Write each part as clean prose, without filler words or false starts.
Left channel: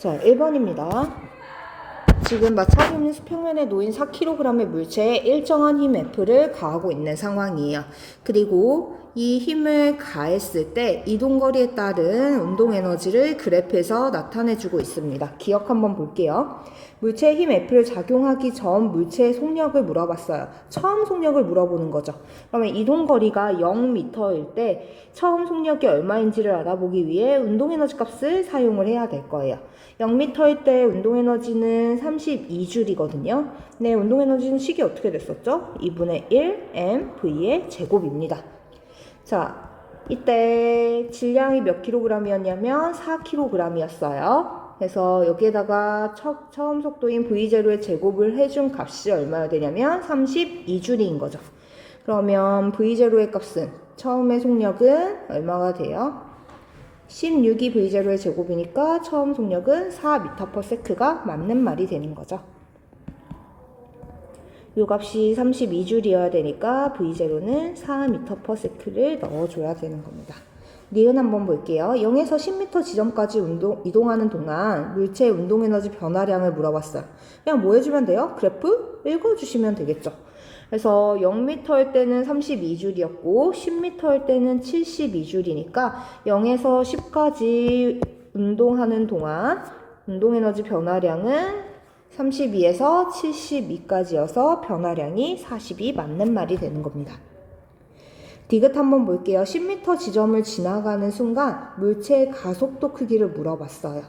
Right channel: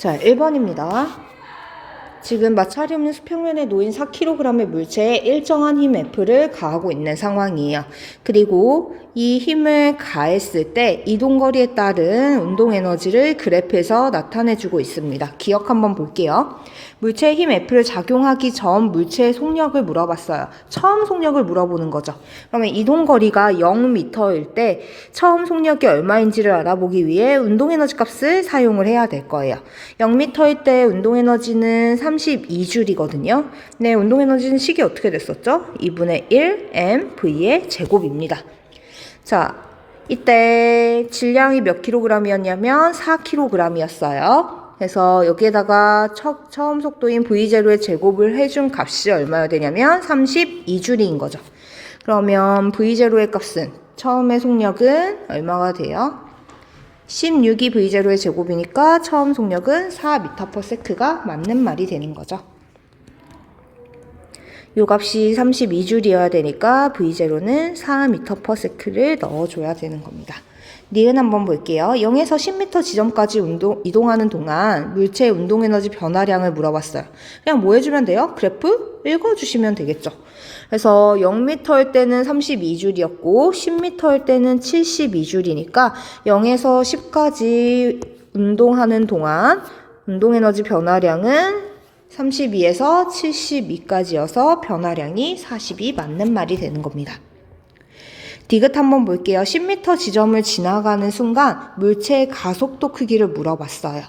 자, 1번입니다. 지금 마찰이 없는 수평면에 놓인 4kg의 물체에 일정한 힘 F를 가하고 있는 상황이에요. 그리고 이 힘을 가했을 때 이동거리에 따른 운동에너지를 그래프에서 나타내주고 있습니다. 기억 한번 볼게요. 물체의 힘 F를 작용하기 전 물체의 속력을 물어봤어요. 처음 속력을 물어보는 거죠. 그러면 이동거리가 0m일 때 처음 속력이 얼마인지를 알아보기 위해 운동에너지 값을 사용을 해야 될 거예요. 0m일 때 운동에너지는 32줄이거든요. 네, 운동에너지는 식이 어떻게 됐었죠? 2분의 1 mv의 제곱입니다. 자, 이때 질량이 몇 kg이었냐면 4kg이었어요. 그래서 여기에다가 처음 속도인 v0의 제곱을 해준 값이 얼마나 되냐면 32줄인 거죠. 그러면 v0의 값은 처음의 속력은 얼마가 돼요? 16이 v0의 제곱이니까 처음 속력은 4m/s가 맞는 말이 되는 거죠. 요 값이 32줄이어야 되니까 v0는 4m/s를 넣어줘야 되는 겁니다. 니은 한번 볼게요. 0에서 10m 지점까지 이동하는 동안 물체의 운동에너지 변화량을 물어봤어요. 그냥 뭐 해주면 돼요? 그래프 읽어주시면 되겠죠. 그래서 0m일 때는 32줄이었고 10m일 때는 72줄이니까 0에서 10까지 운동하는 동안 운동에너지 변화량은 32에서 72까지여서 변화량이 40이 맞는 말이 되는 겁니다. 디귿 한번 볼게요. 10m 지점을 지나가는 순간 물체의 가속도 크기를 물어봤어요.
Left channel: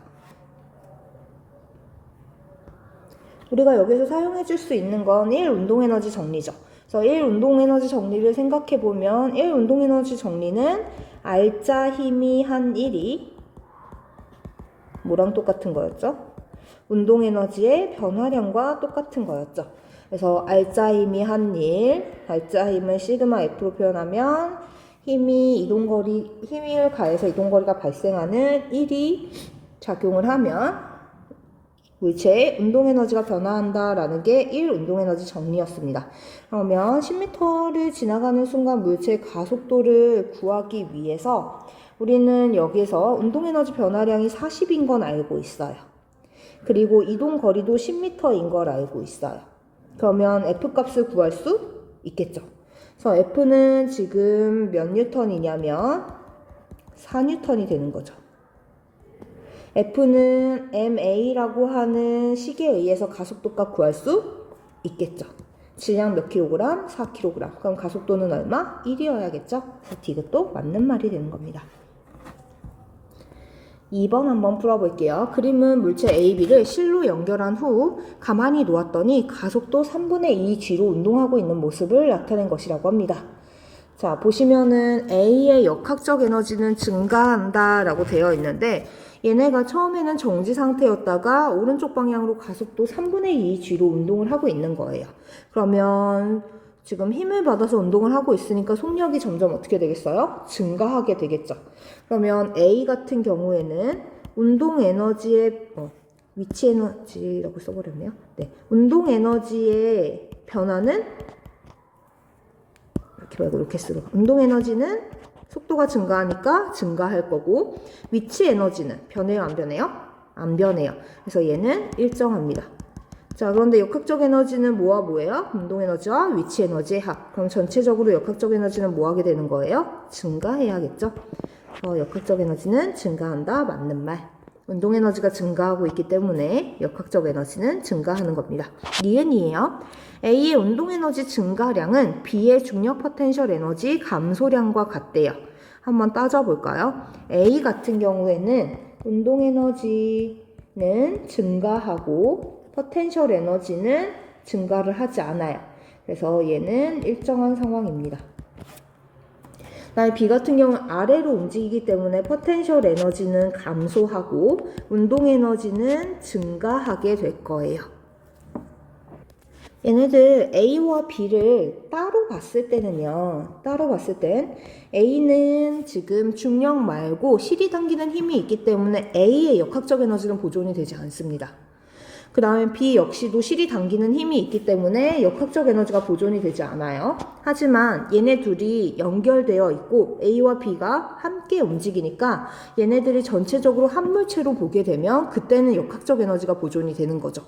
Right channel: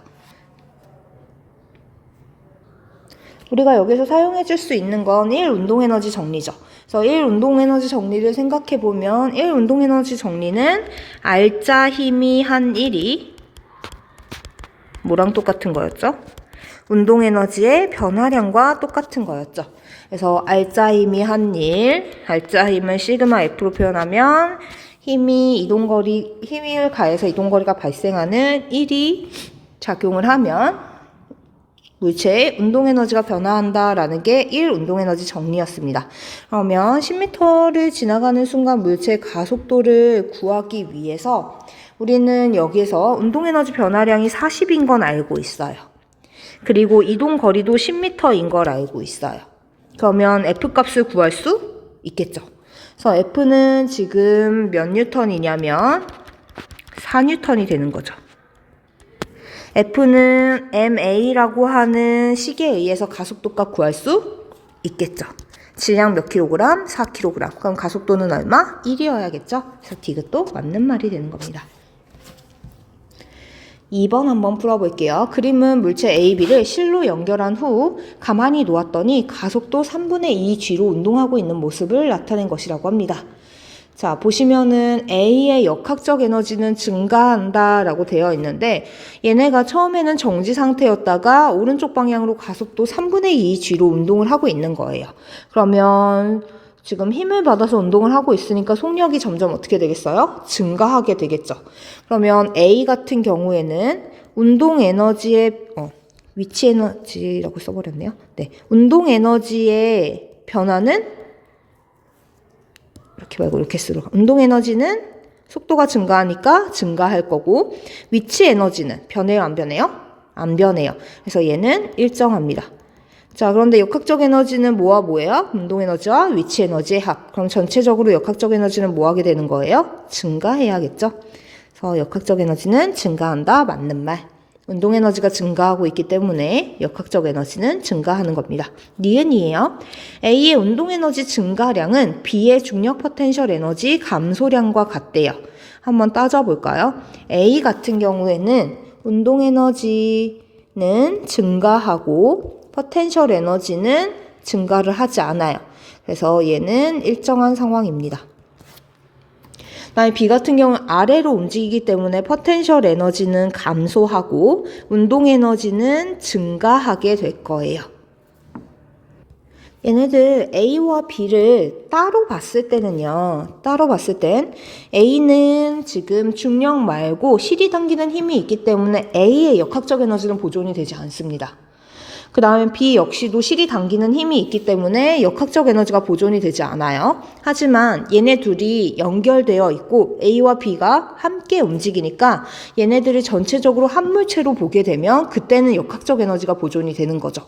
우리가 여기서 사용해 줄 수 있는 건 1 운동에너지 정리죠. 그래서 1 운동에너지 정리를 생각해 보면 1 운동에너지 정리는 알짜 힘이 한 1이 뭐랑 똑같은 거였죠? 운동에너지의 변화량과 똑같은 거였죠. 그래서 알짜 힘이 한 1, 알짜 힘을 시그마 F로 표현하면 힘을 가해서 이동거리가 발생하는 1이 작용을 하면 물체의 운동에너지가 변화한다라는 게 1 운동에너지 정리였습니다. 그러면 10m를 지나가는 순간 물체의 가속도를 구하기 위해서 우리는 여기에서 운동에너지 변화량이 40인 건 알고 있어요. 그리고 이동거리도 10m인 걸 알고 있어요. 그러면 F값을 구할 수 있겠죠. 그래서 F는 지금 몇 뉴턴이냐면 4뉴턴이 되는 거죠. F는 ma라고 하는 식에 의해서 가속도값 구할 수 있겠죠. 질량 몇 킬로그램? 4kg. 그럼 가속도는 얼마? 1이어야겠죠. 그래서 디귿도 맞는 말이 되는 겁니다. 2번 한번 풀어볼게요. 그림은 물체 A, B를 실로 연결한 후 가만히 놓았더니 가속도 3분의 2 G로 운동하고 있는 모습을 나타낸 것이라고 합니다. 자, 보시면은 A의 역학적 에너지는 증가한다 라고 되어 있는데 얘네가 처음에는 정지 상태였다가 오른쪽 방향으로 가속도 3분의 2 G로 운동을 하고 있는 거예요. 그러면 지금 힘을 받아서 운동을 하고 있으니까 속력이 점점 어떻게 되겠어요? 증가하게 되겠죠. 그러면 A 같은 경우에는 운동 에너지의 위치 에너지라고 써버렸네요. 네, 운동 에너지의 변화는 이렇게 말고 이렇게 쓰러. 운동 에너지는 속도가 증가하니까 증가할 거고 위치 에너지는 변해요, 안 변해요? 안 변해요. 그래서 얘는 일정합니다. 자, 그런데 역학적 에너지는 뭐와 뭐예요? 운동 에너지와 위치 에너지의 합. 그럼 전체적으로 역학적 에너지는 뭐 하게 되는 거예요? 증가해야겠죠? 그래서 역학적 에너지는 증가한다. 맞는 말. 운동 에너지가 증가하고 있기 때문에 역학적 에너지는 증가하는 겁니다. 니은이에요. A의 운동 에너지 증가량은 B의 중력 포텐셜 에너지 감소량과 같대요. 한번 따져볼까요? A 같은 경우에는 운동 에너지는 증가하고 포텐셜 에너지는 증가를 하지 않아요. 그래서 얘는 일정한 상황입니다. 그다음에 B 같은 경우는 아래로 움직이기 때문에 포텐셜 에너지는 감소하고 운동 에너지는 증가하게 될 거예요. 얘네들 A와 B를 따로 봤을 때는요. 따로 봤을 땐 A는 지금 중력 말고 실이 당기는 힘이 있기 때문에 A의 역학적 에너지는 보존이 되지 않습니다. 그 다음에 B 역시도 실이 당기는 힘이 있기 때문에 역학적 에너지가 보존이 되지 않아요. 하지만 얘네 둘이 연결되어 있고 A와 B가 함께 움직이니까 얘네들이 전체적으로 한 물체로 보게 되면 그때는 역학적 에너지가 보존이 되는 거죠.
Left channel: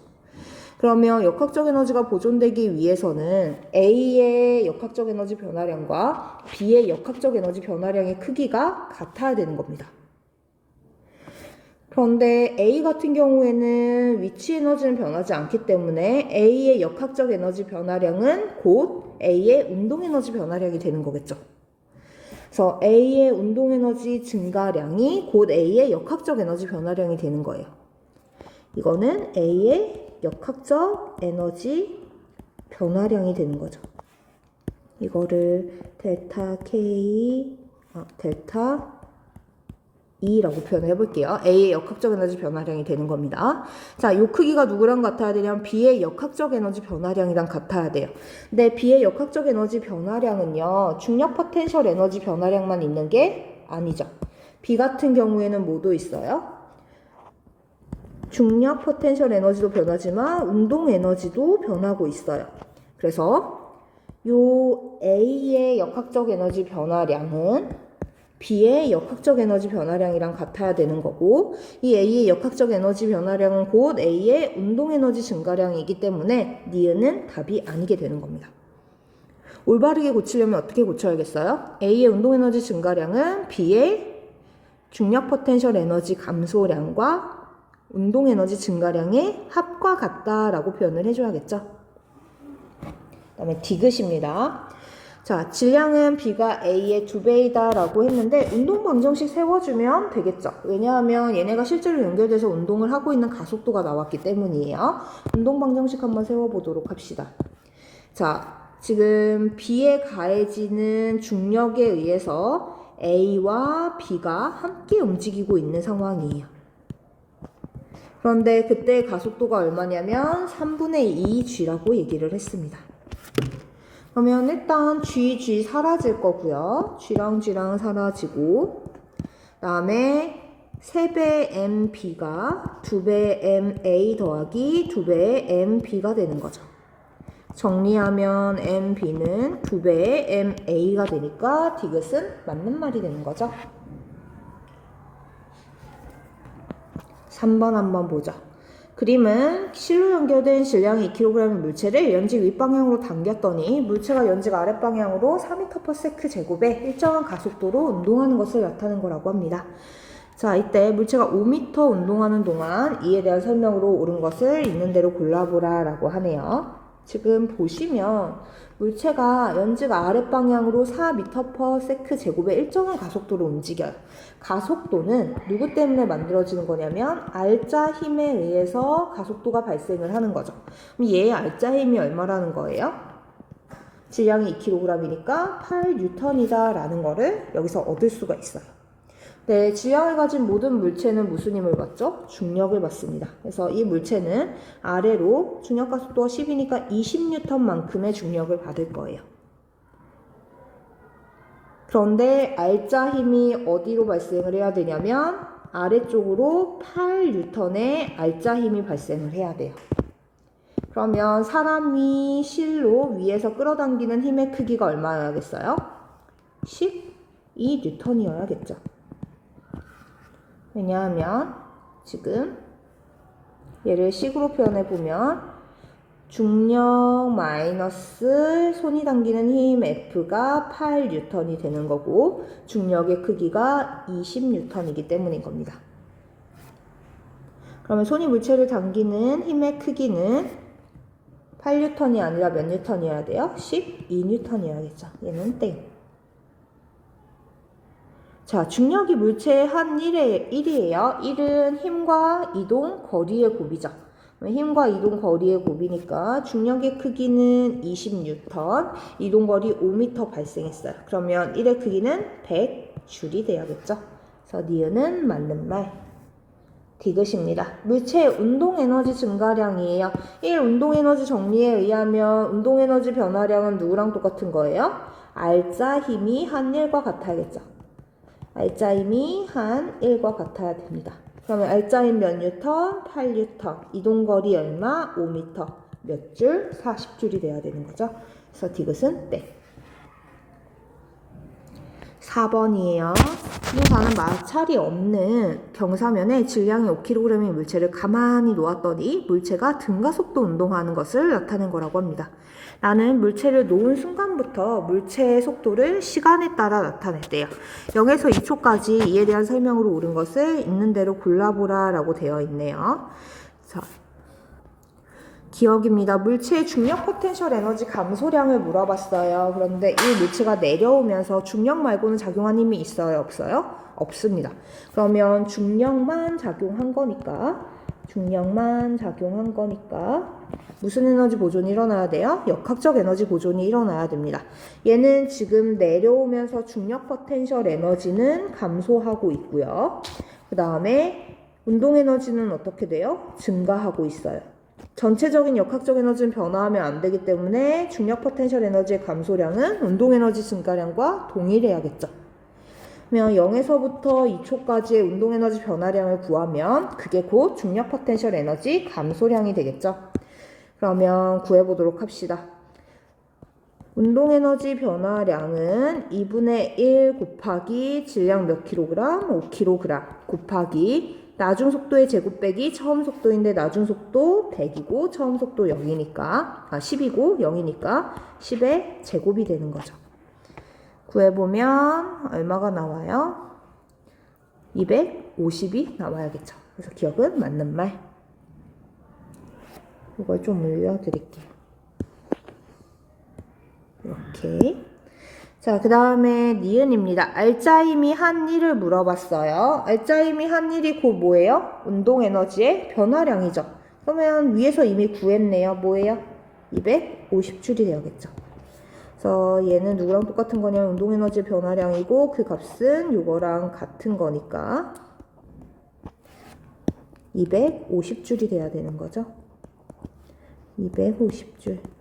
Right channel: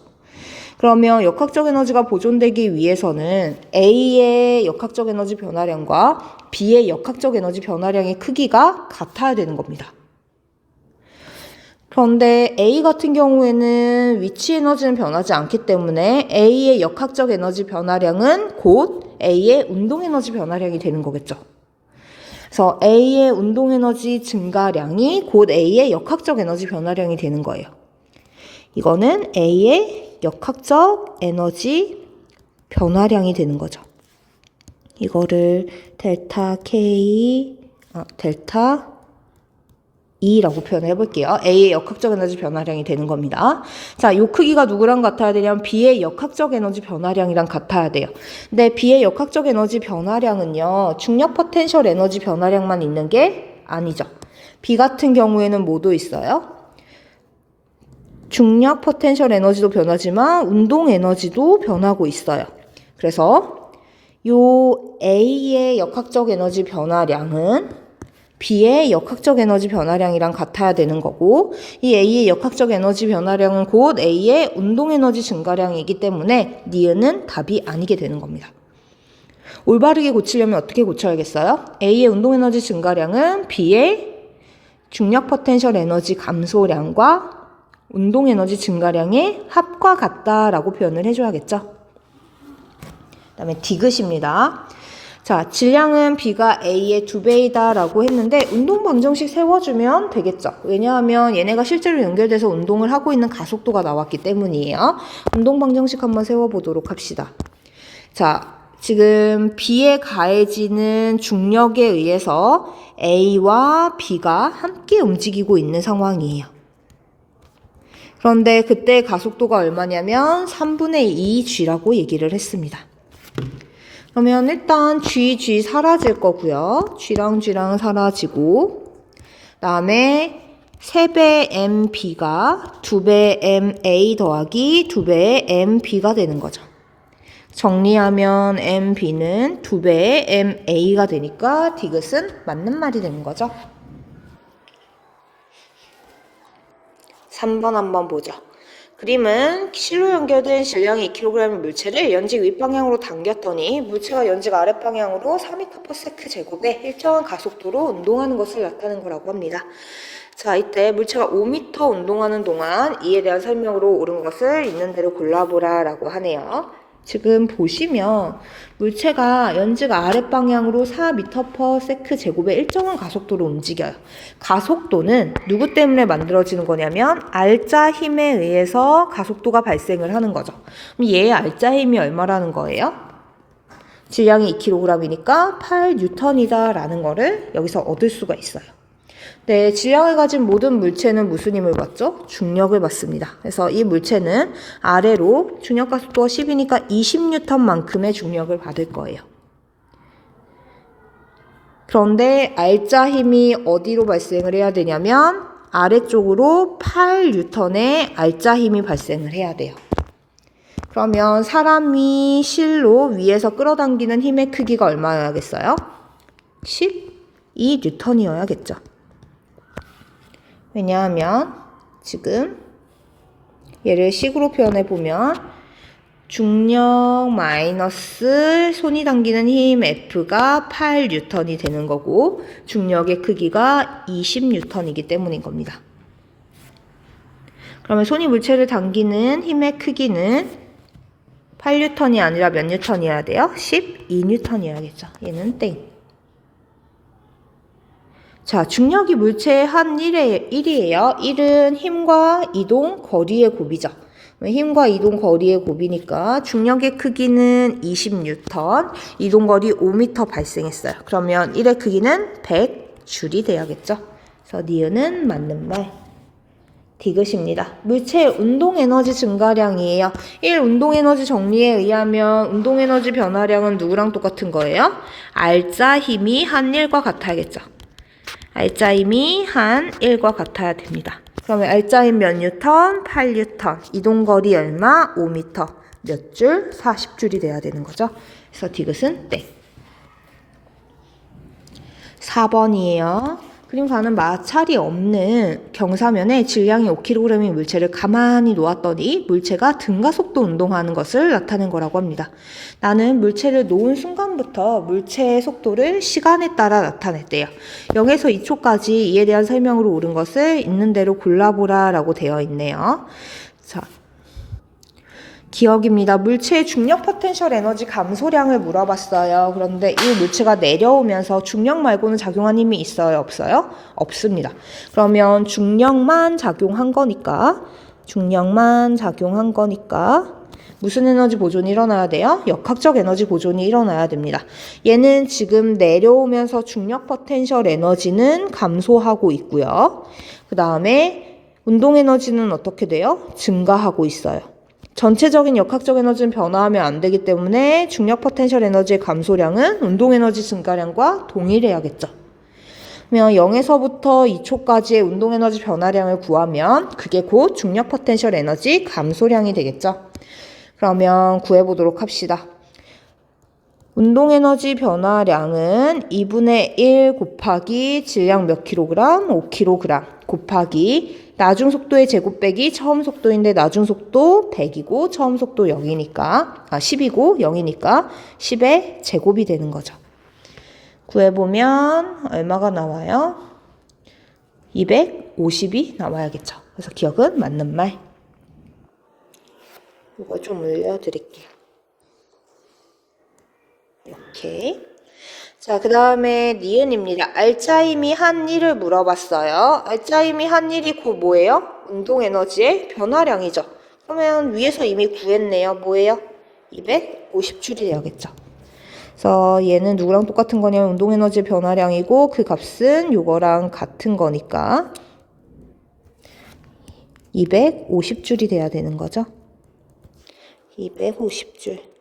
그러면 역학적 에너지가 보존되기 위해서는 A의 역학적 에너지 변화량과 B의 역학적 에너지 변화량의 크기가 같아야 되는 겁니다. 그런데 A 같은 경우에는 위치 에너지는 변하지 않기 때문에 A의 역학적 에너지 변화량은 곧 A의 운동 에너지 변화량이 되는 거겠죠. 그래서 A의 운동 에너지 증가량이 곧 A의 역학적 에너지 변화량이 되는 거예요. 이거는 A의 역학적 에너지 변화량이 되는 거죠. 이거를 델타 K, 델타 E라고 표현해 볼게요. A의 역학적 에너지 변화량이 되는 겁니다. 자, 요 크기가 누구랑 같아야 되냐면 B의 역학적 에너지 변화량이랑 같아야 돼요. 근데 B의 역학적 에너지 변화량은요, 중력 포텐셜 에너지 변화량만 있는 게 아니죠. B 같은 경우에는 뭐도 있어요? 중력 포텐셜 에너지도 변하지만 운동 에너지도 변하고 있어요. 그래서 요 A의 역학적 에너지 변화량은 B의 역학적 에너지 변화량이랑 같아야 되는 거고, 이 A의 역학적 에너지 변화량은 곧 A의 운동 에너지 증가량이기 때문에 니은은 답이 아니게 되는 겁니다. 올바르게 고치려면 어떻게 고쳐야겠어요? A의 운동 에너지 증가량은 B의 중력 포텐셜 에너지 감소량과 운동 에너지 증가량의 합과 같다라고 표현을 해줘야겠죠. 그 다음에 디귿입니다. 자, 질량은 B가 A의 2배이다 라고 했는데 운동 방정식 세워주면 되겠죠. 왜냐하면 얘네가 실제로 연결돼서 운동을 하고 있는 가속도가 나왔기 때문이에요. 운동 방정식 한번 세워보도록 합시다. 자, 지금 B에 가해지는 중력에 의해서 A와 B가 함께 움직이고 있는 상황이에요. 그런데 그때 가속도가 얼마냐면 3분의 2G라고 얘기를 했습니다. 그러면 일단 G 사라질 거고요. G랑 G랑 사라지고, 다음에 3배 MB가 2배 MA 더하기 2배의 MB가 되는 거죠. 정리하면 MB는 2배의 MA가 되니까 디귿은 맞는 말이 되는 거죠. 3번 한번 보죠. 그림은 실로 연결된 질량이 2kg의 물체를 연직 윗방향으로 당겼더니 물체가 연직 아랫방향으로 4m/s 제곱에 일정한 가속도로 운동하는 것을 나타낸 거라고 합니다. 자, 이때 물체가 5m 운동하는 동안 이에 대한 설명으로 옳은 것을 있는 대로 골라보라 라고 하네요. 지금 보시면 물체가 연직 아랫방향으로 4m/s 제곱의 일정한 가속도로 움직여요. 가속도는 누구 때문에 만들어지는 거냐면 알자 힘에 의해서 가속도가 발생을 하는 거죠. 그럼 얘의 알자 힘이 얼마라는 거예요? 질량이 2kg이니까 8N이다 라는 거를 여기서 얻을 수가 있어요. 네, 질량을 가진 모든 물체는 무슨 힘을 받죠? 중력을 받습니다. 그래서 이 물체는 아래로 중력 가속도가 10이니까 20N만큼의 중력을 받을 거예요. 그런데 알자 힘이 어디로 발생을 해야 되냐면 아래쪽으로 8N의 알자 힘이 발생을 해야 돼요. 그러면 사람이 실로 위에서 끌어당기는 힘의 크기가 얼마여야겠어요? 12N이어야겠죠. 왜냐하면 지금 얘를 식으로 표현해 보면 중력 마이너스 손이 당기는 힘 F가 8N이 되는 거고 중력의 크기가 20N이기 때문인 겁니다. 그러면 손이 물체를 당기는 힘의 크기는 8N이 아니라 몇 N이어야 돼요? 12N이어야겠죠. 얘는 땡. 자, 중력이 물체의 한 1이에요. 1은 힘과 이동 거리의 곱이죠. 힘과 이동 거리의 곱이니까 중력의 크기는 20N, 이동 거리 5m 발생했어요. 그러면 1의 크기는 100J이 돼야겠죠. 그래서 니은은 맞는 말. 디귿입니다. 물체의 운동 에너지 증가량이에요. 1 운동 에너지 정리에 의하면 운동 에너지 변화량은 누구랑 똑같은 거예요? 알자 힘이 한 1과 같아야겠죠. 알자 힘이 한 1과 같아야 됩니다. 그러면 R자인 몇 뉴턴? 8뉴턴. 이동거리 얼마? 5m. 몇 줄? 40줄이 돼야 되는 거죠. 그래서 디귿은 땡. 4번이에요. 부동산은 마찰이 없는 경사면에 질량이 5kg의 물체를 가만히 놓았더니 물체가 등가속도 운동하는 것을 나타낸 거라고 합니다. 나는 물체를 놓은 순간부터 물체의 속도를 시간에 따라 나타냈대요. 0에서 2초까지 이에 대한 설명으로 옳은 것을 있는 대로 골라보라 라고 되어 있네요. 자, 기억입니다. 물체의 중력 포텐셜 에너지 감소량을 물어봤어요. 그런데 이 물체가 내려오면서 중력 말고는 작용한 힘이 있어요? 없어요? 없습니다. 그러면 중력만 작용한 거니까 무슨 에너지 보존이 일어나야 돼요? 역학적 에너지 보존이 일어나야 됩니다. 얘는 지금 내려오면서 중력 포텐셜 에너지는 감소하고 있고요. 그 다음에 운동 에너지는 어떻게 돼요? 증가하고 있어요. 전체적인 역학적 에너지는 변화하면 안 되기 때문에 중력 포텐셜 에너지의 감소량은 운동 에너지 증가량과 동일해야겠죠. 그러면 0에서부터 2초까지의 운동 에너지 변화량을 구하면 그게 곧 중력 포텐셜 에너지 감소량이 되겠죠. 그러면 구해보도록 합시다. 운동 에너지 변화량은 2분의 1 곱하기 질량 몇 킬로그램? 5kg 곱하기 나중 속도의 제곱 빼기 처음 속도인데 나중 속도 100이고 처음 속도 0이니까 10이고 0이니까 10의 제곱이 되는 거죠. 구해보면 얼마가 나와요? 250이 나와야겠죠. 그래서 기억은 맞는 말. 이걸 좀 올려드릴게요. 이렇게. 자, 그 다음에 니은입니다. 알짜임이 한 일을 물어봤어요. 알짜임이 한 일이 곧 뭐예요? 운동에너지의 변화량이죠. 그러면 위에서 이미 구했네요. 뭐예요? 250줄이 되야겠죠. 그래서 얘는 누구랑 똑같은 거냐면 운동에너지의 변화량이고 그 값은 요거랑 같은 거니까 250줄이 돼야 되는 거죠. 250줄.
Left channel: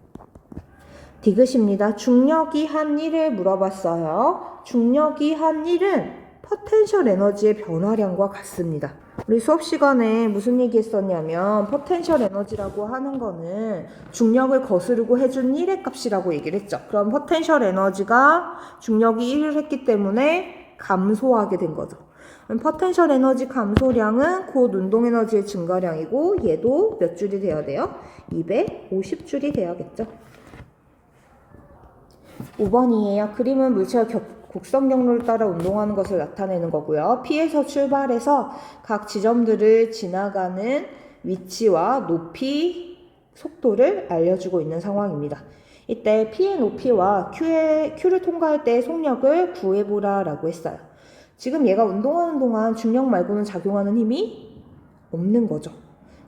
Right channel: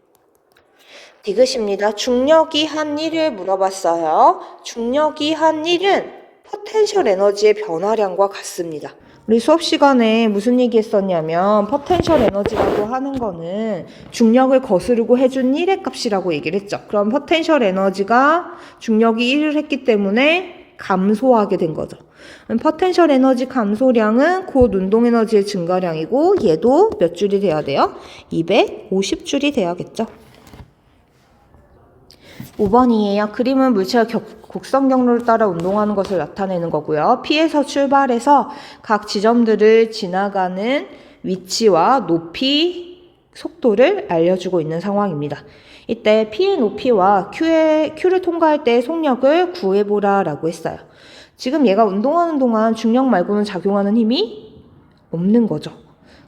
디귿입니다. 중력이 한 일을 물어봤어요. 중력이 한 일은 포텐셜 에너지의 변화량과 같습니다. 우리 수업 시간에 무슨 얘기 했었냐면 포텐셜 에너지라고 하는 거는 중력을 거스르고 해준 1의 값이라고 얘기를 했죠. 그럼 포텐셜 에너지가 중력이 1을 했기 때문에 감소하게 된 거죠. 포텐셜 에너지 감소량은 곧 운동 에너지의 증가량이고 얘도 몇 줄이 돼야 돼요? 250줄이 돼야겠죠. 5번이에요. 그림은 물체가 곡선 경로를 따라 운동하는 것을 나타내는 거고요. P에서 출발해서 각 지점들을 지나가는 위치와 높이, 속도를 알려주고 있는 상황입니다. 이때 P의 높이와 Q를 통과할 때의 속력을 구해보라 라고 했어요. 지금 얘가 운동하는 동안 중력 말고는 작용하는 힘이 없는 거죠.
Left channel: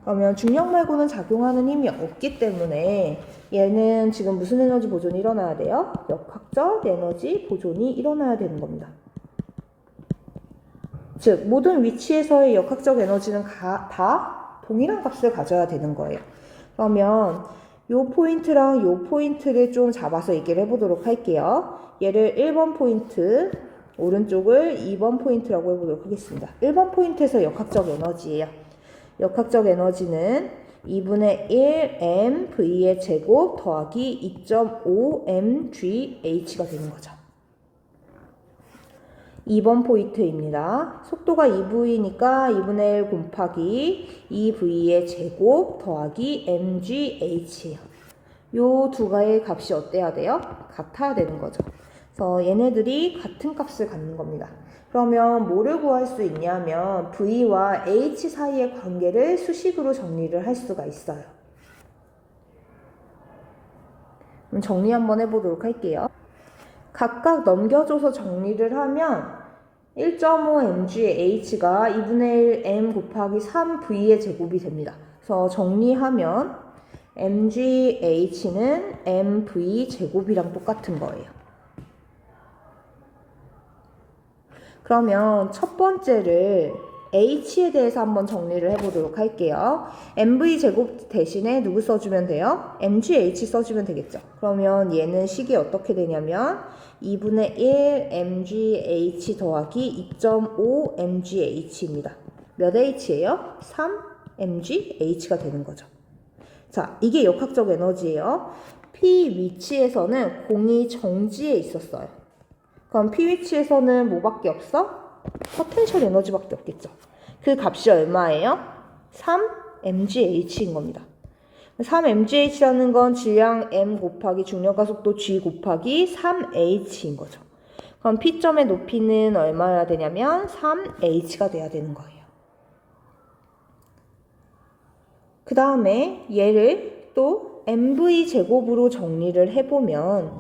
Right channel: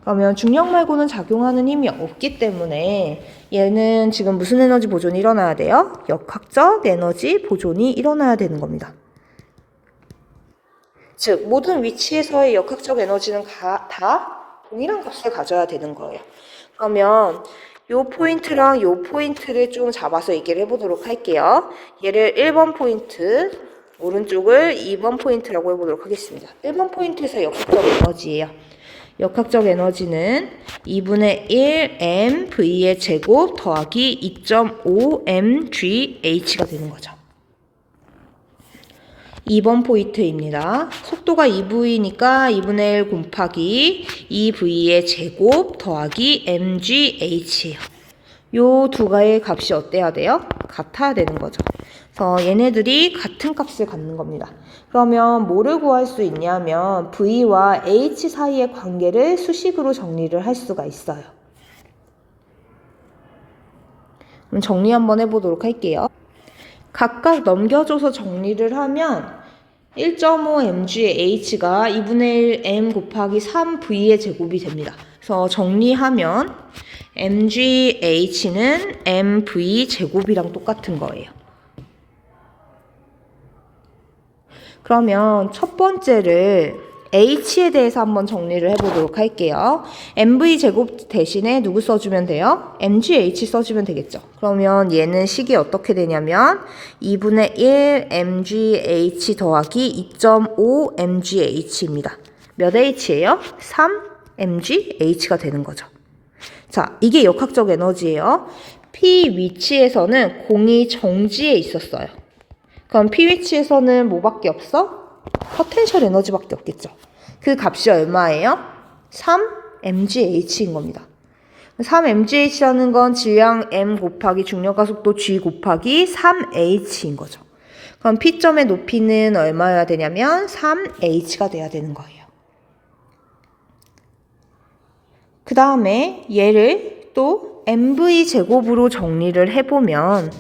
그러면 중력 말고는 작용하는 힘이 없기 때문에 얘는 지금 무슨 에너지 보존이 일어나야 돼요? 역학적 에너지 보존이 일어나야 되는 겁니다. 즉 모든 위치에서의 역학적 에너지는 다 동일한 값을 가져야 되는 거예요. 그러면 요 포인트랑 요 포인트를 좀 잡아서 얘기를 해보도록 할게요. 얘를 1번 포인트, 오른쪽을 2번 포인트라고 해보도록 하겠습니다. 1번 포인트에서 역학적 에너지예요. 역학적 에너지는 2분의 1 mv의 제곱 더하기 2.5 mgh가 되는 거죠. 2번 포인트입니다. 속도가 2v니까 2분의 1 곱하기 2v의 제곱 더하기 mgh예요. 요 두 가지의 값이 어때야 돼요? 같아야 되는 거죠. 그래서 얘네들이 같은 값을 갖는 겁니다. 그러면 뭐를 구할 수 있냐면 V와 H 사이의 관계를 수식으로 정리를 할 수가 있어요. 그럼 정리 한번 해보도록 할게요. 각각 넘겨줘서 정리를 하면 1.5 mgh가 2분의 1 m 곱하기 3v의 제곱이 됩니다. 그래서 정리하면 mgh는 mv 제곱이랑 똑같은 거예요. 그러면 첫 번째를 h에 대해서 한번 정리를 해보도록 할게요. mv 제곱 대신에 누구 써주면 돼요? mgh 써주면 되겠죠. 그러면 얘는 식이 어떻게 되냐면 2분의 1 mgh 더하기 2.5 mgh입니다. 몇 H예요? 3mgH가 되는 거죠. 자, 이게 역학적 에너지예요. P 위치에서는 공이 정지해 있었어요. 그럼 P 위치에서는 뭐밖에 없어? 포텐셜 에너지밖에 없겠죠. 그 값이 얼마예요? 3mgH인 겁니다. 3mgH라는 건 질량 m 곱하기 중력가속도 g 곱하기 3h인 거죠. 그럼 P점의 높이는 얼마여야 되냐면 3h가 돼야 되는 거예요. 그 다음에 얘를 또 mv 제곱으로 정리를 해보면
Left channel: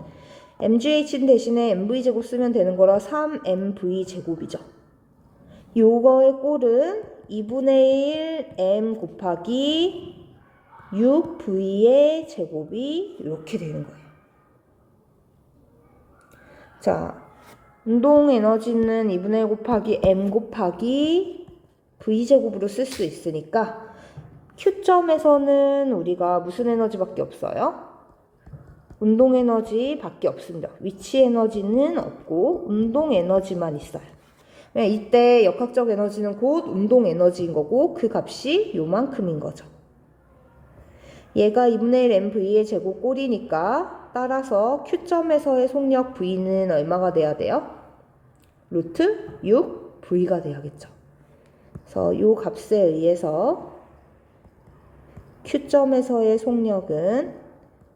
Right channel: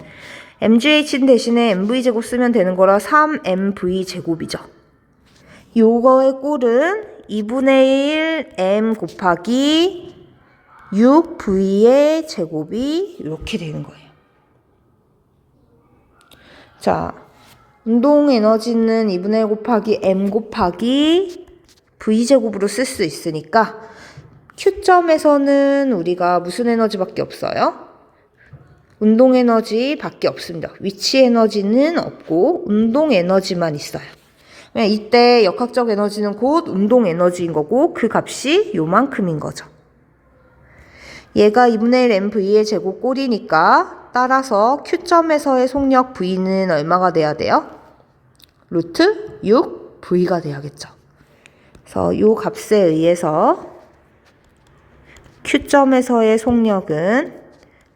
mgh 대신에 mv 제곱 쓰면 되는 거라 3mv 제곱이죠. 요거의 꼴은 2분의 1 m 곱하기 6v의 제곱이 이렇게 되는 거예요. 자, 운동 에너지는 2분의 1 곱하기 m 곱하기 v제곱으로 쓸 수 있으니까 Q점에서는 우리가 무슨 에너지밖에 없어요? 운동 에너지밖에 없습니다. 위치 에너지는 없고 운동 에너지만 있어요. 이때 역학적 에너지는 곧 운동 에너지인 거고 그 값이 요만큼인 거죠. 얘가 2분의 1 mv의 제곱 꼴이니까 따라서 Q점에서의 속력 V는 얼마가 돼야 돼요? 루트 6V가 돼야겠죠. 그래서 요 값에 의해서 Q점에서의 속력은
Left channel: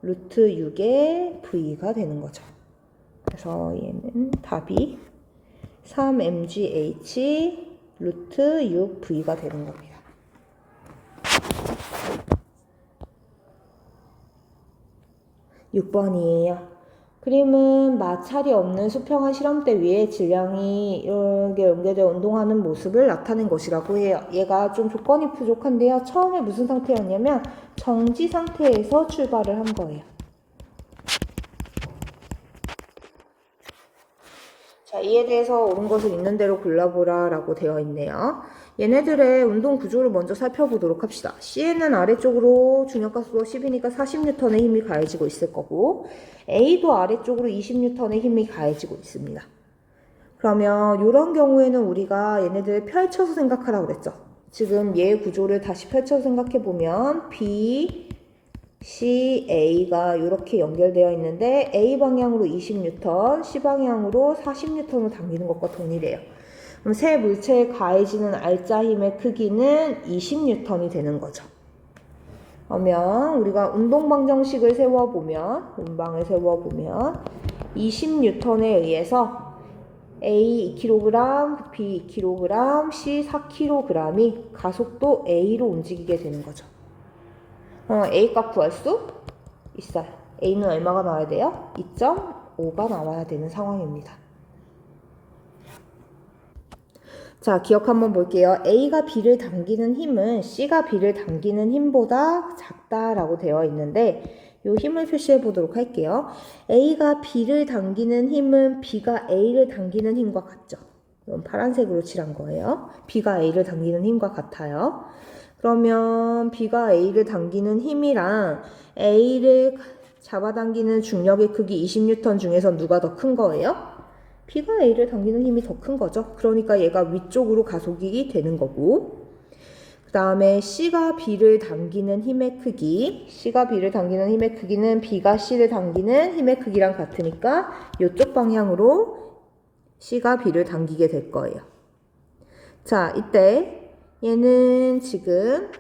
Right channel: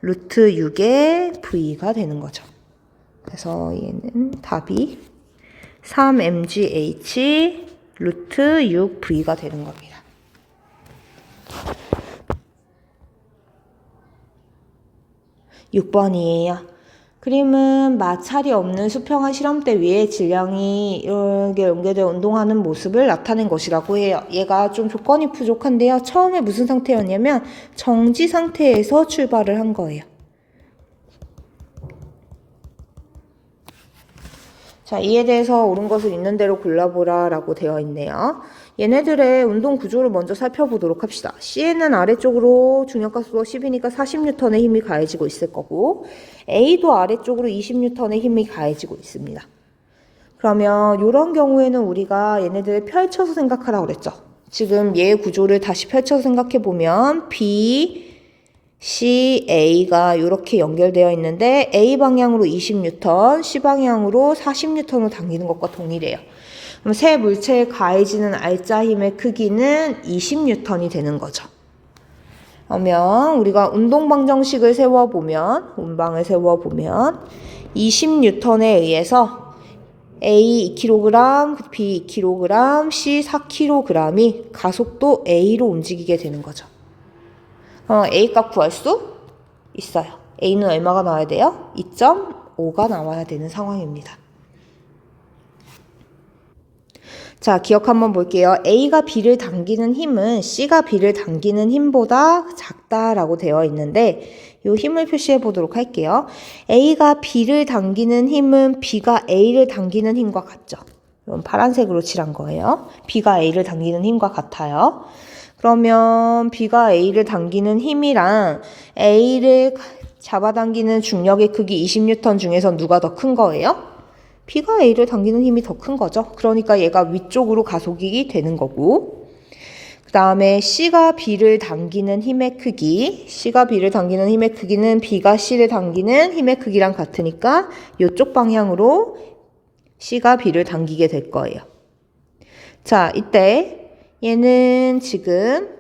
루트 6의 V가 되는 거죠. 그래서 얘는 답이 3mgh 루트 6V가 되는 겁니다. (6번이에요) 그림은 마찰이 없는 수평한 시럼대 위에 질량이 이렇게 연결되어 운동하는 모습을 나타낸 것이라고 해요. 얘가 좀 조건이 부족한데요. 처음에 무슨 상태였냐면 정지 상태에서 출발을 한 거예요. 자, 이에 대해서 옳은 것을 있는 대로 골라보라 라고 되어 있네요. 얘네들의 운동 구조를 먼저 살펴보도록 합시다. C에는 아래쪽으로 중력가속도가 10이니까 40N의 힘이 가해지고 있을 거고 A도 아래쪽으로 20N의 힘이 가해지고 있습니다. 그러면 이런 경우에는 우리가 얘네들을 펼쳐서 생각하라고 그랬죠. 지금 얘의 구조를 다시 펼쳐서 생각해보면 B, C, A가 이렇게 연결되어 있는데 A 방향으로 20N, C 방향으로 40N으로 당기는 것과 동일해요. 그럼 세 물체에 가해지는 알짜 힘의 크기는 20N이 되는 거죠. 그러면 우리가 운동방정식을 세워보면, 운방을 세워보면 20N에 의해서 A 2kg, B 2kg, C 4kg이 가속도 A로 움직이게 되는 거죠. A 값 구할 수 있어요. A는 얼마가 나와야 돼요? 2.5가 나와야 되는 상황입니다. 자, 기억 한번 볼게요. A가 B를 당기는 힘은 C가 B를 당기는 힘보다 작다라고 되어 있는데 이 힘을 표시해 보도록 할게요. A가 B를 당기는 힘은 B가 A를 당기는 힘과 같죠. 이건 파란색으로 칠한 거예요. B가 A를 당기는 힘과 같아요. 그러면 B가 A를 당기는 힘이랑 A를 잡아당기는 중력의 크기 20N 중에서 누가 더 큰 거예요? B가 A를 당기는 힘이 더 큰 거죠. 그러니까 얘가 위쪽으로 가속이 되는 거고 그 다음에 C가 B를 당기는 힘의 크기 C가 B를 당기는 힘의 크기는 B가 C를 당기는 힘의 크기랑 같으니까 이쪽 방향으로 C가 B를 당기게 될 거예요. 자, 이때 얘는 지금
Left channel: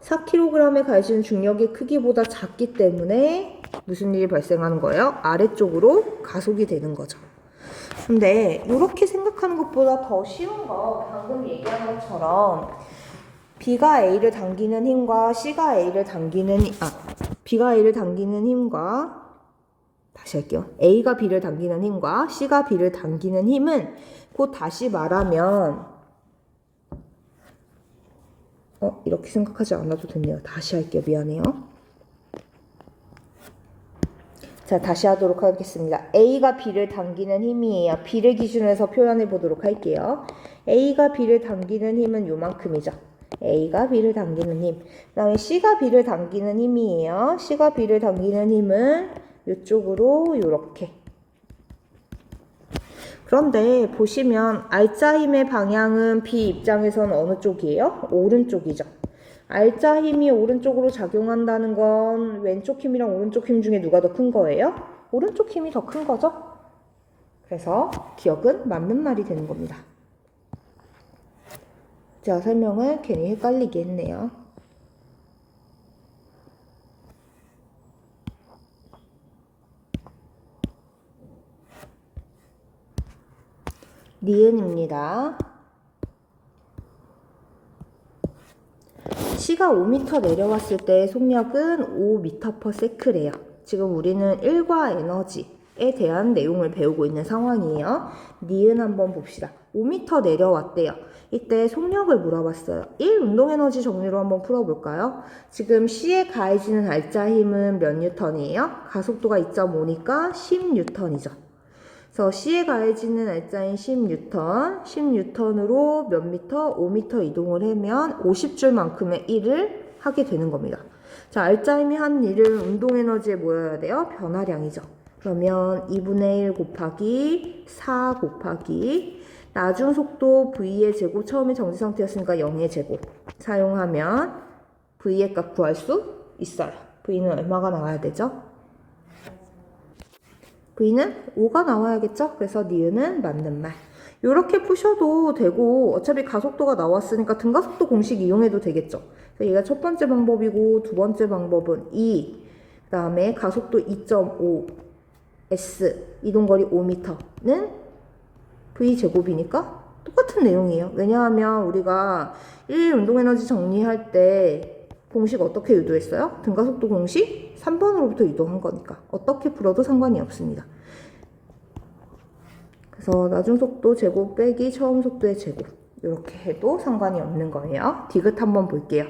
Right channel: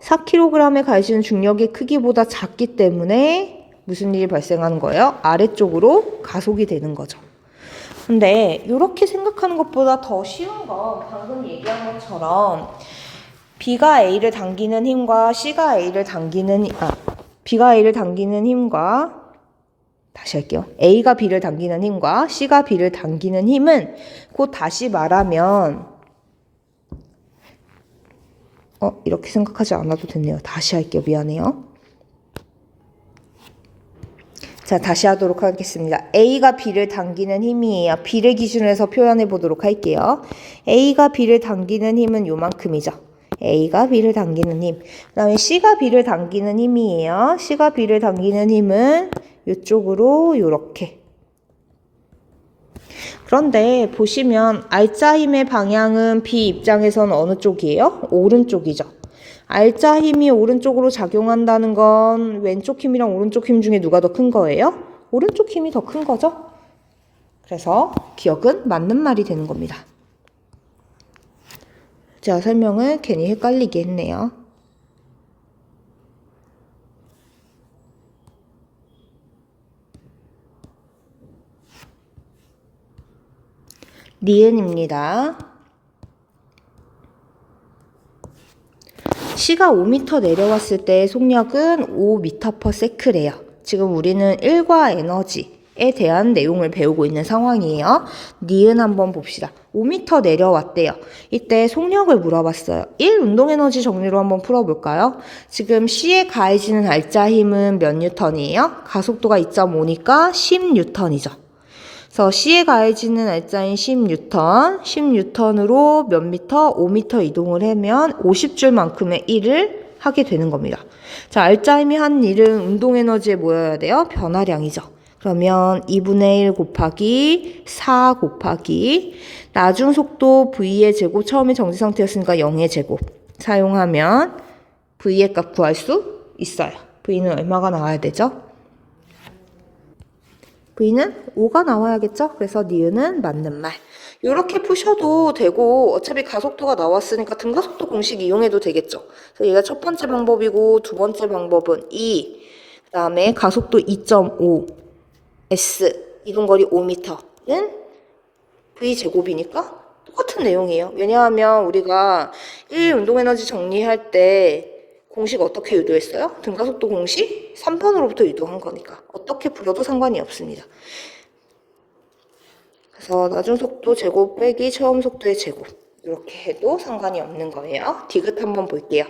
4kg에 가해지는 중력의 크기보다 작기 때문에 무슨 일이 발생하는 거예요? 아래쪽으로 가속이 되는 거죠. 근데 이렇게 생각하는 것보다 더 쉬운 건 방금 얘기한 것처럼 B가 A를 당기는 힘과 C가 A를 당기는 B가 A를 당기는 힘과 다시 할게요. A가 B를 당기는 힘과 C가 B를 당기는 힘은 곧 다시 말하면 이렇게 생각하지 않아도 됐네요. 다시 할게요. 미안해요. 자, 다시 하도록 하겠습니다. A가 B를 당기는 힘이에요. B를 기준으로 해서 표현해 보도록 할게요. A가 B를 당기는 힘은 요만큼이죠. A가 B를 당기는 힘. 그 다음에 C가 B를 당기는 힘이에요. C가 B를 당기는 힘은 이쪽으로 요렇게. 그런데 보시면 알짜 힘의 방향은 B 입장에서는 어느 쪽이에요? 오른쪽이죠. 알짜 힘이 오른쪽으로 작용한다는 건 왼쪽 힘이랑 오른쪽 힘 중에 누가 더 큰 거예요? 오른쪽 힘이 더 큰 거죠. 그래서 기억은 맞는 말이 되는 겁니다. 제가 설명을 괜히 헷갈리게 했네요. 니은입니다. C가 5m 내려왔을 때 속력은 5m/s래요. 지금 우리는 일과 에너지에 대한 내용을 배우고 있는 상황이에요. 니은 한번 봅시다. 5m 내려왔대요. 이때 속력을 물어봤어요. 1 운동에너지 정리로 한번 풀어볼까요? 지금 C에 가해지는 알짜 힘은 몇 뉴턴이에요? 가속도가 2.5니까 10뉴턴이죠. 그래서 C에 가해지는 알짜인 10뉴턴으로 몇 미터? 5미터 이동을 하면 50줄만큼의 일을 하게 되는 겁니다. 자, 알짜 힘이 한 일은 운동 에너지에 뭐여야 돼요? 변화량이죠. 그러면 2분의 1 곱하기 4 곱하기 나중 속도 V의 제곱, 처음에 정지 상태였으니까 0의 제곱 사용하면 V의 값 구할 수 있어요. V는 얼마가 나와야 되죠? V는 5가 나와야겠죠? 그래서 니은은 맞는 말. 이렇게 푸셔도 되고 어차피 가속도가 나왔으니까 등가속도 공식 이용해도 되겠죠? 그래서 얘가 첫 번째 방법이고 두 번째 방법은 2, 그 다음에 가속도 2.5, S, 이동거리 5m는 V 제곱이니까 똑같은 내용이에요. 왜냐하면 우리가 1 운동에너지 정리할 때 공식 어떻게 유도했어요? 등가속도 공식 3번으로부터 유도한 거니까 어떻게 풀어도 상관이 없습니다. 그래서 나중 속도 제곱 빼기 처음 속도의 제곱 이렇게 해도 상관이 없는 거예요. 디귿 한번 볼게요.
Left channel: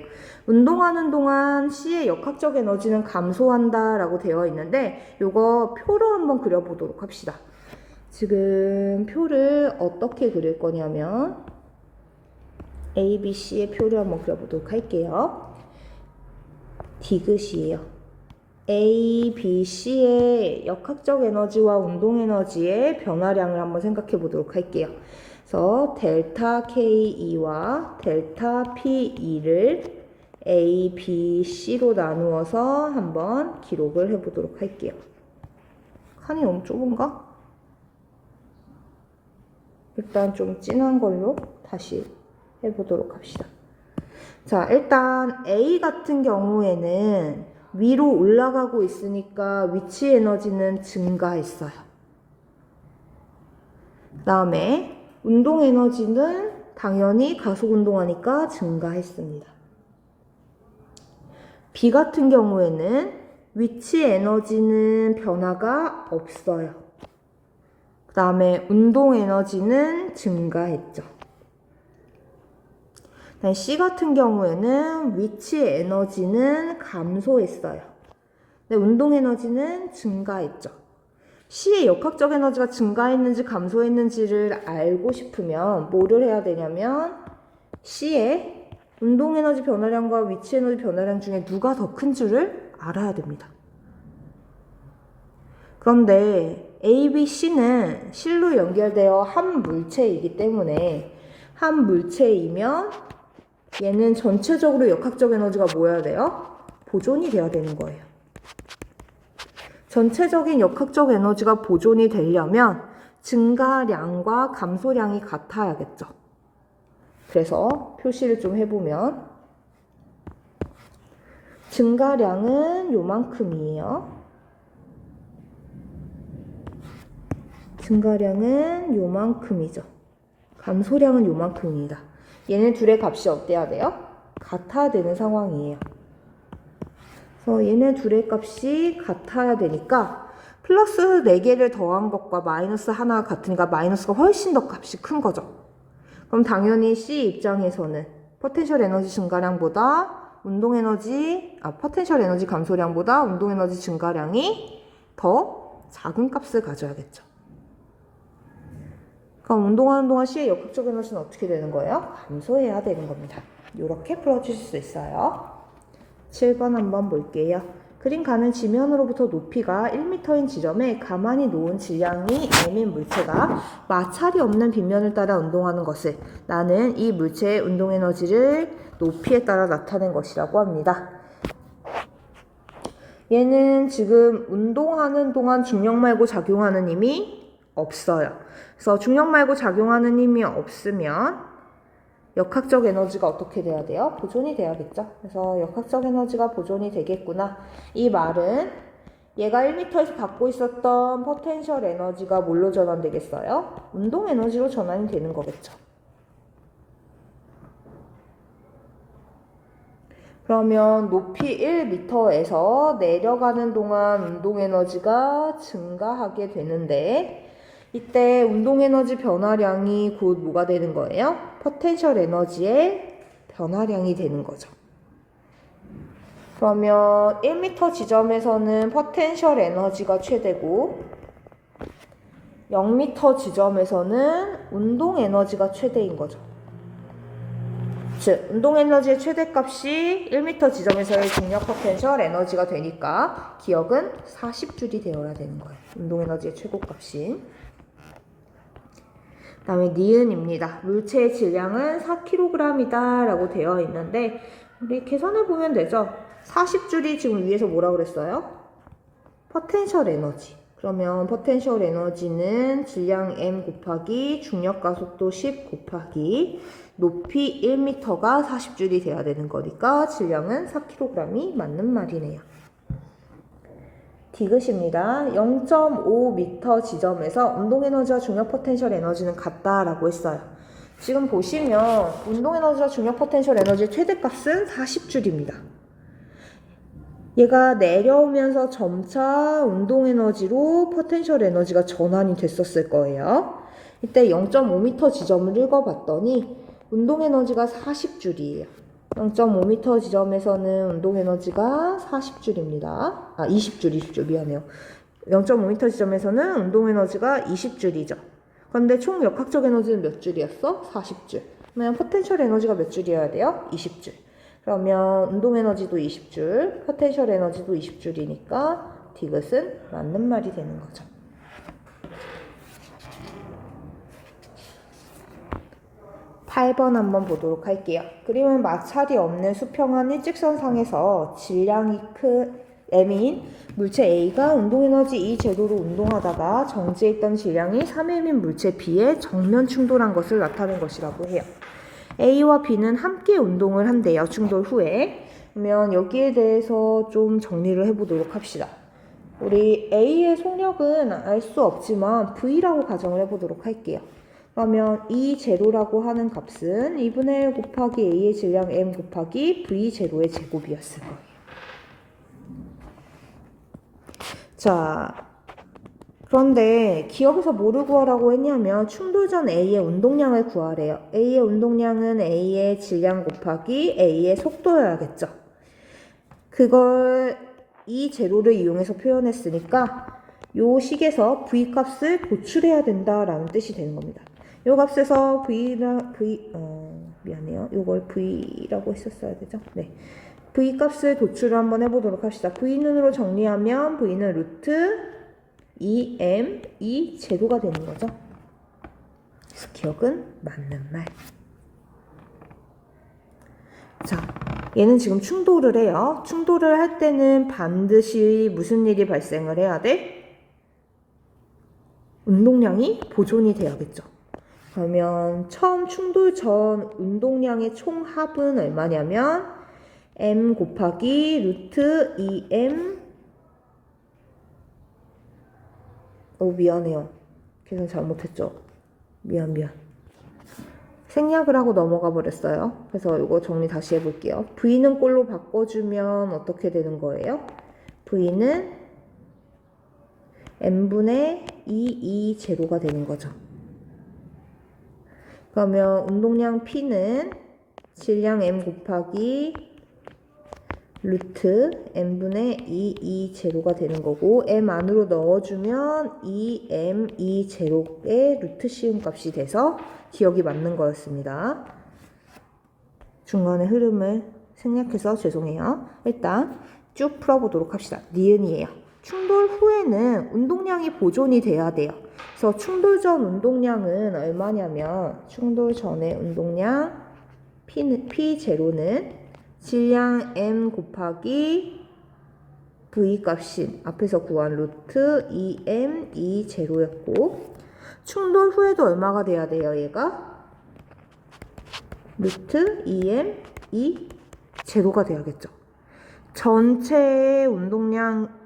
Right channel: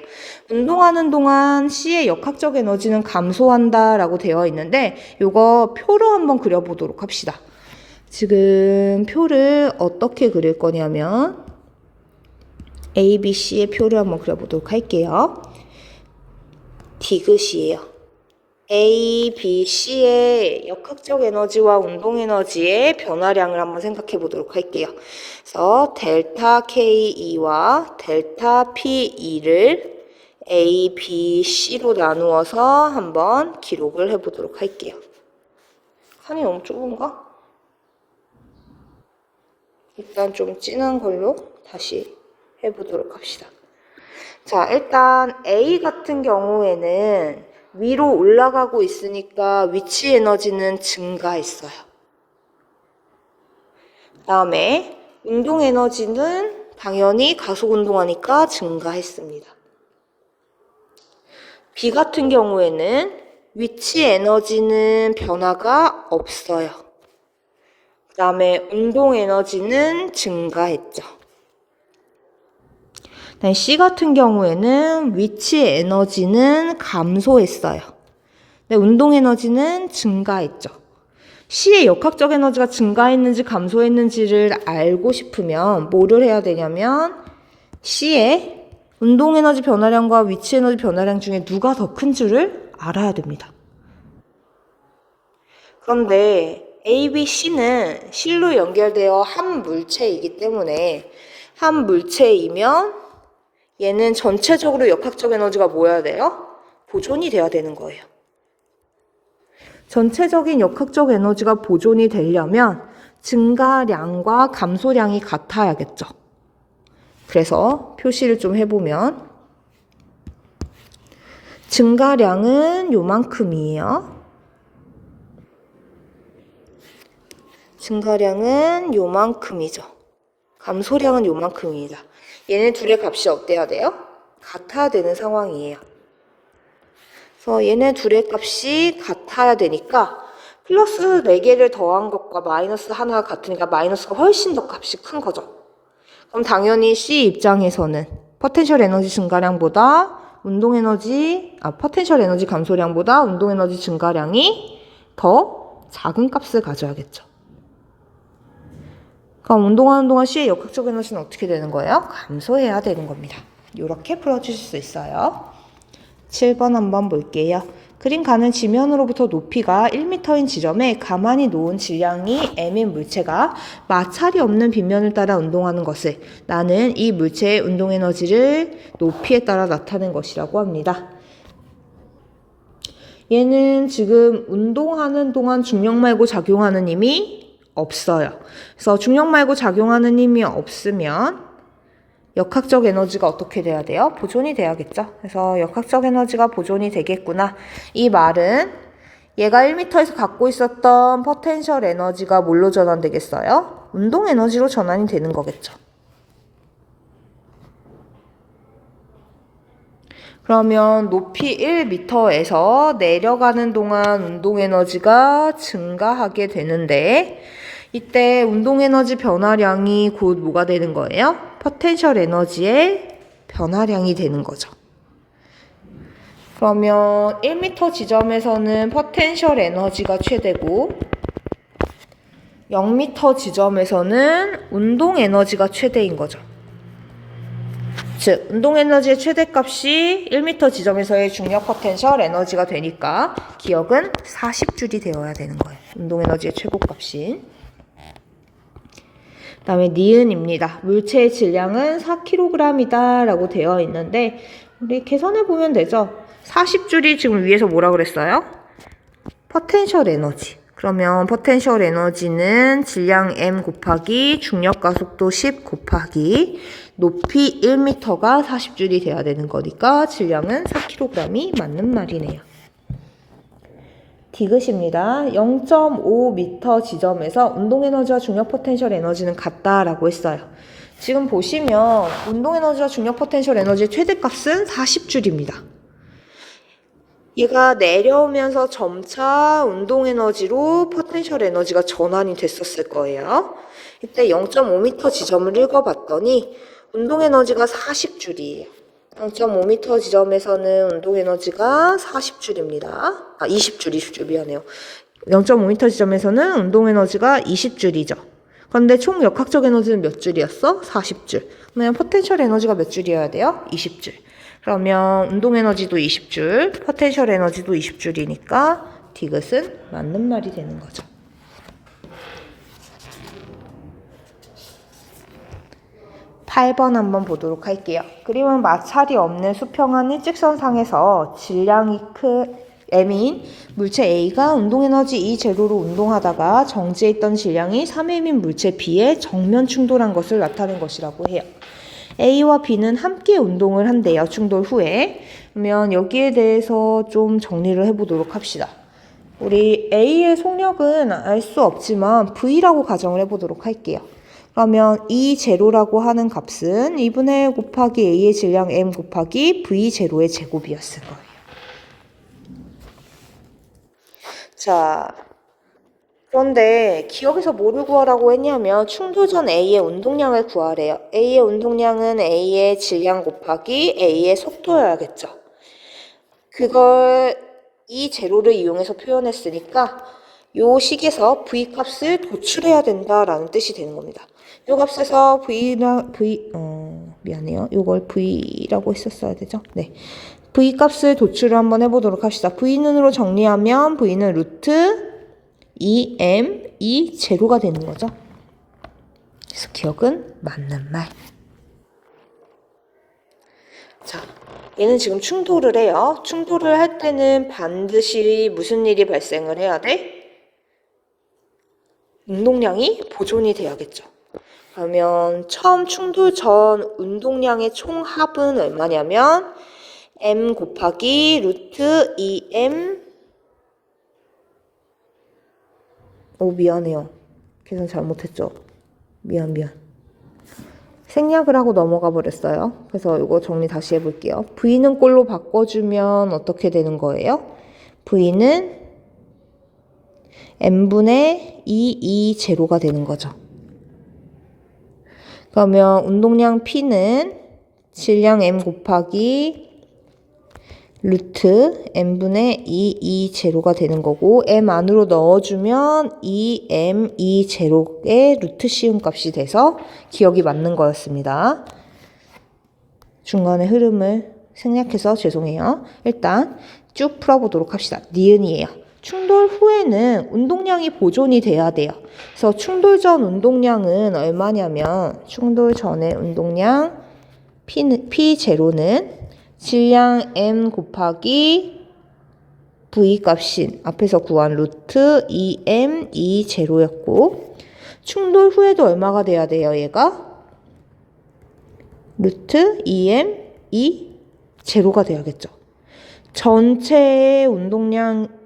운동하는 동안 C의 역학적 에너지는 감소한다 라고 되어 있는데 이거 표로 한번 그려보도록 합시다. 지금 표를 어떻게 그릴 거냐면 A, B, C의 표를 한번 그려보도록 할게요. 디귿이에요. A, B, C의 역학적 에너지와 운동 에너지의 변화량을 한번 생각해 보도록 할게요. 그래서 델타 KE와 델타 PE를 A, B, C로 나누어서 한번 기록을 해 보도록 할게요. 칸이 너무 좁은가? 일단 좀 진한 걸로 다시 해보도록 합시다. 자, 일단 A 같은 경우에는 위로 올라가고 있으니까 위치 에너지는 증가했어요. 그 다음에 운동 에너지는 당연히 가속 운동하니까 증가했습니다. B 같은 경우에는 위치 에너지는 변화가 없어요. 그 다음에 운동 에너지는 증가했죠. C 같은 경우에는 위치 에너지는 감소했어요. 근데 운동 에너지는 증가했죠. C의 역학적 에너지가 증가했는지 감소했는지를 알고 싶으면 뭐를 해야 되냐면 C의 운동 에너지 변화량과 위치 에너지 변화량 중에 누가 더 큰지를 알아야 됩니다. 그런데 A, B, C는 실로 연결되어 한 물체이기 때문에 한 물체이면 얘는 전체적으로 역학적 에너지가 뭐여야 돼요? 보존이 돼야 되는 거예요. 전체적인 역학적 에너지가 보존이 되려면 증가량과 감소량이 같아야겠죠. 그래서 표시를 좀 해보면 증가량은 요만큼이에요. 증가량은 요만큼이죠. 감소량은 요만큼입니다. 얘네 둘의 값이 어때야 돼요? 같아야 되는 상황이에요. 그래서 얘네 둘의 값이 같아야 되니까 플러스 4개를 더한 것과 마이너스 하나가 같으니까 마이너스가 훨씬 더 값이 큰 거죠. 그럼 당연히 C 입장에서는 포텐셜 에너지 증가량보다 포텐셜 에너지 감소량보다 운동 에너지 증가량이 더 작은 값을 가져야겠죠. 그럼 운동하는 동안 C의 역학적 에너지는 어떻게 되는 거예요? 감소해야 되는 겁니다. 이렇게 풀어주실 수 있어요. 7번 한번 볼게요. 그림 가는 지면으로부터 높이가 1m인 지점에 가만히 놓은 질량이 m인 물체가 마찰이 없는 빗면을 따라 운동하는 것을 나는 이 물체의 운동에너지를 높이에 따라 나타낸 것이라고 합니다. 얘는 지금 운동하는 동안 중력 말고 작용하는 힘이 없어요. 그래서 중력 말고 작용하는 힘이 없으면 역학적 에너지가 어떻게 돼야 돼요? 보존이 돼야겠죠. 그래서 역학적 에너지가 보존이 되겠구나. 이 말은 얘가 1m에서 갖고 있었던 포텐셜 에너지가 뭘로 전환되겠어요? 운동 에너지로 전환이 되는 거겠죠. 그러면 높이 1m에서 내려가는 동안 운동 에너지가 증가하게 되는데 이때 운동 에너지 변화량이 곧 뭐가 되는 거예요? 포텐셜 에너지의 변화량이 되는 거죠. 그러면 1m 지점에서는 포텐셜 에너지가 최대고 0m 지점에서는 운동 에너지가 최대인 거죠. 즉, 운동 에너지의 최대값이 1m 지점에서의 중력 포텐셜 에너지가 되니까 기억은 40줄이 되어야 되는 거예요. 운동 에너지의 최고값이. 그 다음에 니은입니다. 물체의 질량은 4kg이다 라고 되어 있는데 우리 계산해 보면 되죠. 40줄이 지금 위에서 뭐라 그랬어요? 포텐셜 에너지. 그러면 포텐셜 에너지는 질량 m 곱하기 중력 가속도 10 곱하기 높이 1m가 40줄이 돼야 되는 거니까 질량은 4kg이 맞는 말이네요. 디귿입니다. 0.5m 지점에서 운동에너지와 중력 포텐셜 에너지는 같다라고 했어요. 지금 보시면 운동에너지와 중력 포텐셜 에너지의 최대값은 40줄입니다. 얘가 내려오면서 점차 운동에너지로 포텐셜 에너지가 전환이 됐었을 거예요. 이때 0.5m 지점을 읽어봤더니 운동에너지가 40줄이에요. 0.5m 지점에서는 운동에너지가 40줄입니다. 20줄 미안해요. 0.5m 지점에서는 운동에너지가 20줄이죠. 그런데 총 역학적 에너지는 몇 줄이었어? 40줄. 그러면 포텐셜 에너지가 몇 줄이어야 돼요? 20줄. 그러면 운동에너지도 20줄, 포텐셜 에너지도 20줄이니까 디귿은 맞는 말이 되는 거죠. 8번 한번 보도록 할게요. 그림은 마찰이 없는 수평한 일직선상에서 질량이 m인 물체 A가 운동에너지 E0로 운동하다가 정지해 있던 질량이 3m인 물체 B에 정면 충돌한 것을 나타낸 것이라고 해요. A와 B는 함께 운동을 한대요. 충돌 후에. 그러면 여기에 대해서 좀 정리를 해보도록 합시다. 우리 A의 속력은 알 수 없지만 V라고 가정을 해보도록 할게요. 그러면 E0라고 하는 값은 2분의 1 곱하기 A의 질량 M 곱하기 V0의 제곱이었을 거예요. 자, 그런데 기억에서 뭐를 구하라고 했냐면 충돌 전 A의 운동량을 구하래요. A의 운동량은 A의 질량 곱하기 A의 속도여야겠죠. 그걸 E0를 이용해서 표현했으니까 요 식에서 V값을 도출해야 된다라는 뜻이 되는 겁니다. 요 값에서 미안해요. 요걸 V라고 했었어야 되죠? 네. V값을 도출을 한번 해보도록 합시다. V는으로 정리하면 V는 루트 2m, 2제로가 되는 거죠. 그래서 기억은 맞는 말. 자, 얘는 지금 충돌을 해요. 충돌을 할 때는 반드시 무슨 일이 발생을 해야 돼? 운동량이 보존이 돼야겠죠. 그러면 처음 충돌 전 운동량의 총합은 얼마냐면 m 곱하기 루트 2m 미안해요. 계산 잘못했죠. 미안. 생략을 하고 넘어가 버렸어요. 그래서 이거 정리 다시 해볼게요. V는 꼴로 바꿔주면 어떻게 되는 거예요? V는 m분의 2제로가 되는 거죠. 그러면 운동량 P는 질량 m 곱하기 루트 m분의 2제로가 되는 거고 m 안으로 넣어주면 2m 2제로의 루트 씌운 값이 돼서 기억이 맞는 거였습니다. 중간에 흐름을 생략해서 죄송해요. 일단 쭉 풀어보도록 합시다. 니은이에요. 충돌 후에는 운동량이 보존이 돼야 돼요. 그래서 충돌 전 운동량은 얼마냐면 충돌 전의 운동량 P0는 질량 M 곱하기 V 값인 앞에서 구한 루트 2M 2제로였고 충돌 후에도 얼마가 돼야 돼요? 얘가 루트 2M 2제로가 돼야겠죠. 전체의 운동량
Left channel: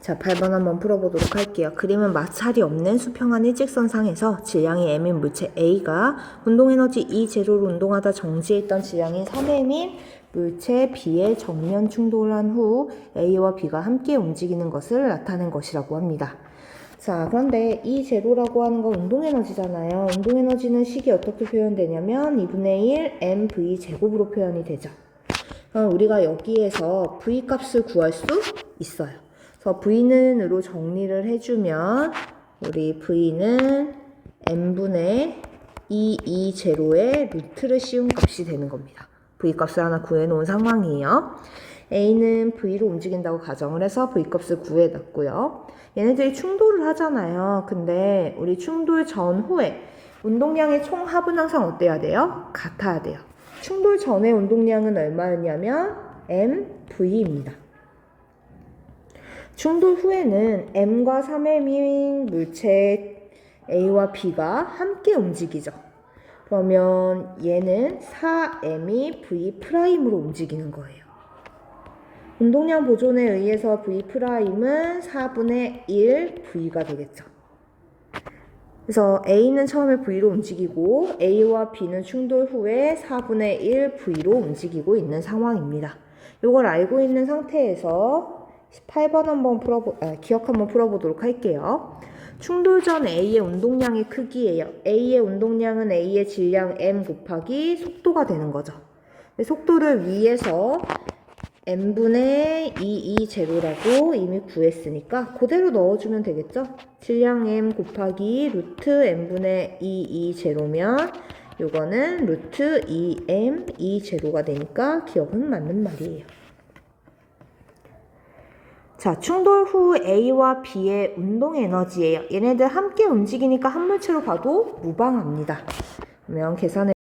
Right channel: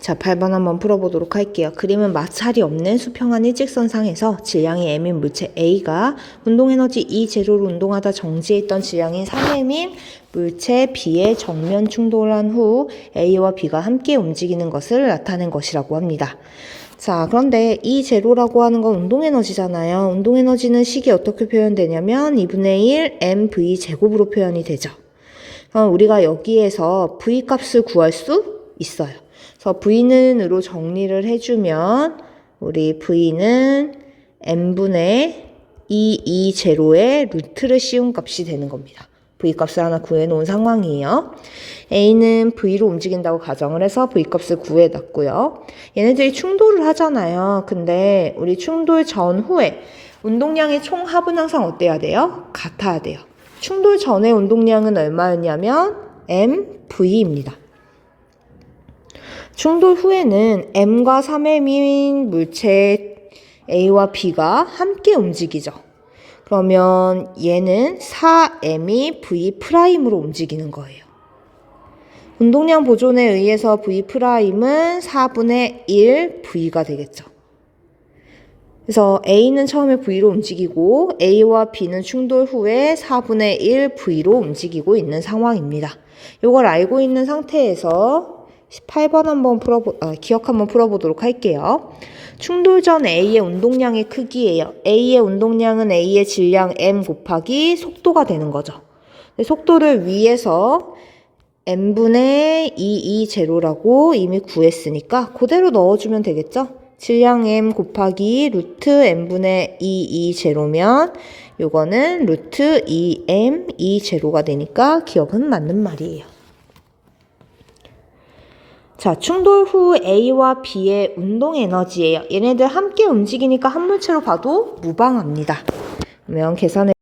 자, 8번 한번 풀어보도록 할게요. 그림은 마찰이 없는 수평한 일직선상에서 질량이 M인 물체 A가 운동에너지 E0로 운동하다 정지했던 질량인 3M인 물체 B에 정면 충돌한 후 A와 B가 함께 움직이는 것을 나타낸 것이라고 합니다. 자, 그런데 E0라고 하는 건 운동에너지잖아요. 운동에너지는 식이 어떻게 표현되냐면 2분의 1 mv 제곱으로 표현이 되죠. 우리가 여기에서 v 값을 구할 수 있어요. 그래서 v는으로 정리를 해주면 우리 v는 n분의 2제로의 루트를 씌운 값이 되는 겁니다. v 값을 하나 구해놓은 상황이에요. a는 v로 움직인다고 가정을 해서 v 값을 구해놨고요. 얘네들이 충돌을 하잖아요. 근데 우리 충돌 전후에 운동량의 총 합은 항상 어때야 돼요? 같아야 돼요. 충돌 전의 운동량은 얼마였냐면 mv입니다. 충돌 후에는 m과 3m인 물체 a와 b가 함께 움직이죠. 그러면 얘는 4m이 v'으로 움직이는 거예요. 운동량 보존에 의해서 v'은 4분의 1 v가 되겠죠. 그래서 A는 처음에 V로 움직이고 A와 B는 충돌 후에 4분의 1 V로 움직이고 있는 상황입니다. 이걸 알고 있는 상태에서 18번 한번 기억 한번 풀어보도록 할게요. 충돌 전 A의 운동량의 크기예요. A의 운동량은 A의 질량 M 곱하기 속도가 되는 거죠. 속도를 위에서 m분의 2제로라고 이미 구했으니까 그대로 넣어주면 되겠죠? 질량 m 곱하기 루트 m분의 2제로면 요거는 루트 2m 2제로가 되니까 기억은 맞는 말이에요. 자, 충돌 후 A와 B의 운동 에너지예요. 얘네들 함께 움직이니까 한 물체로 봐도 무방합니다. 그러면 계산해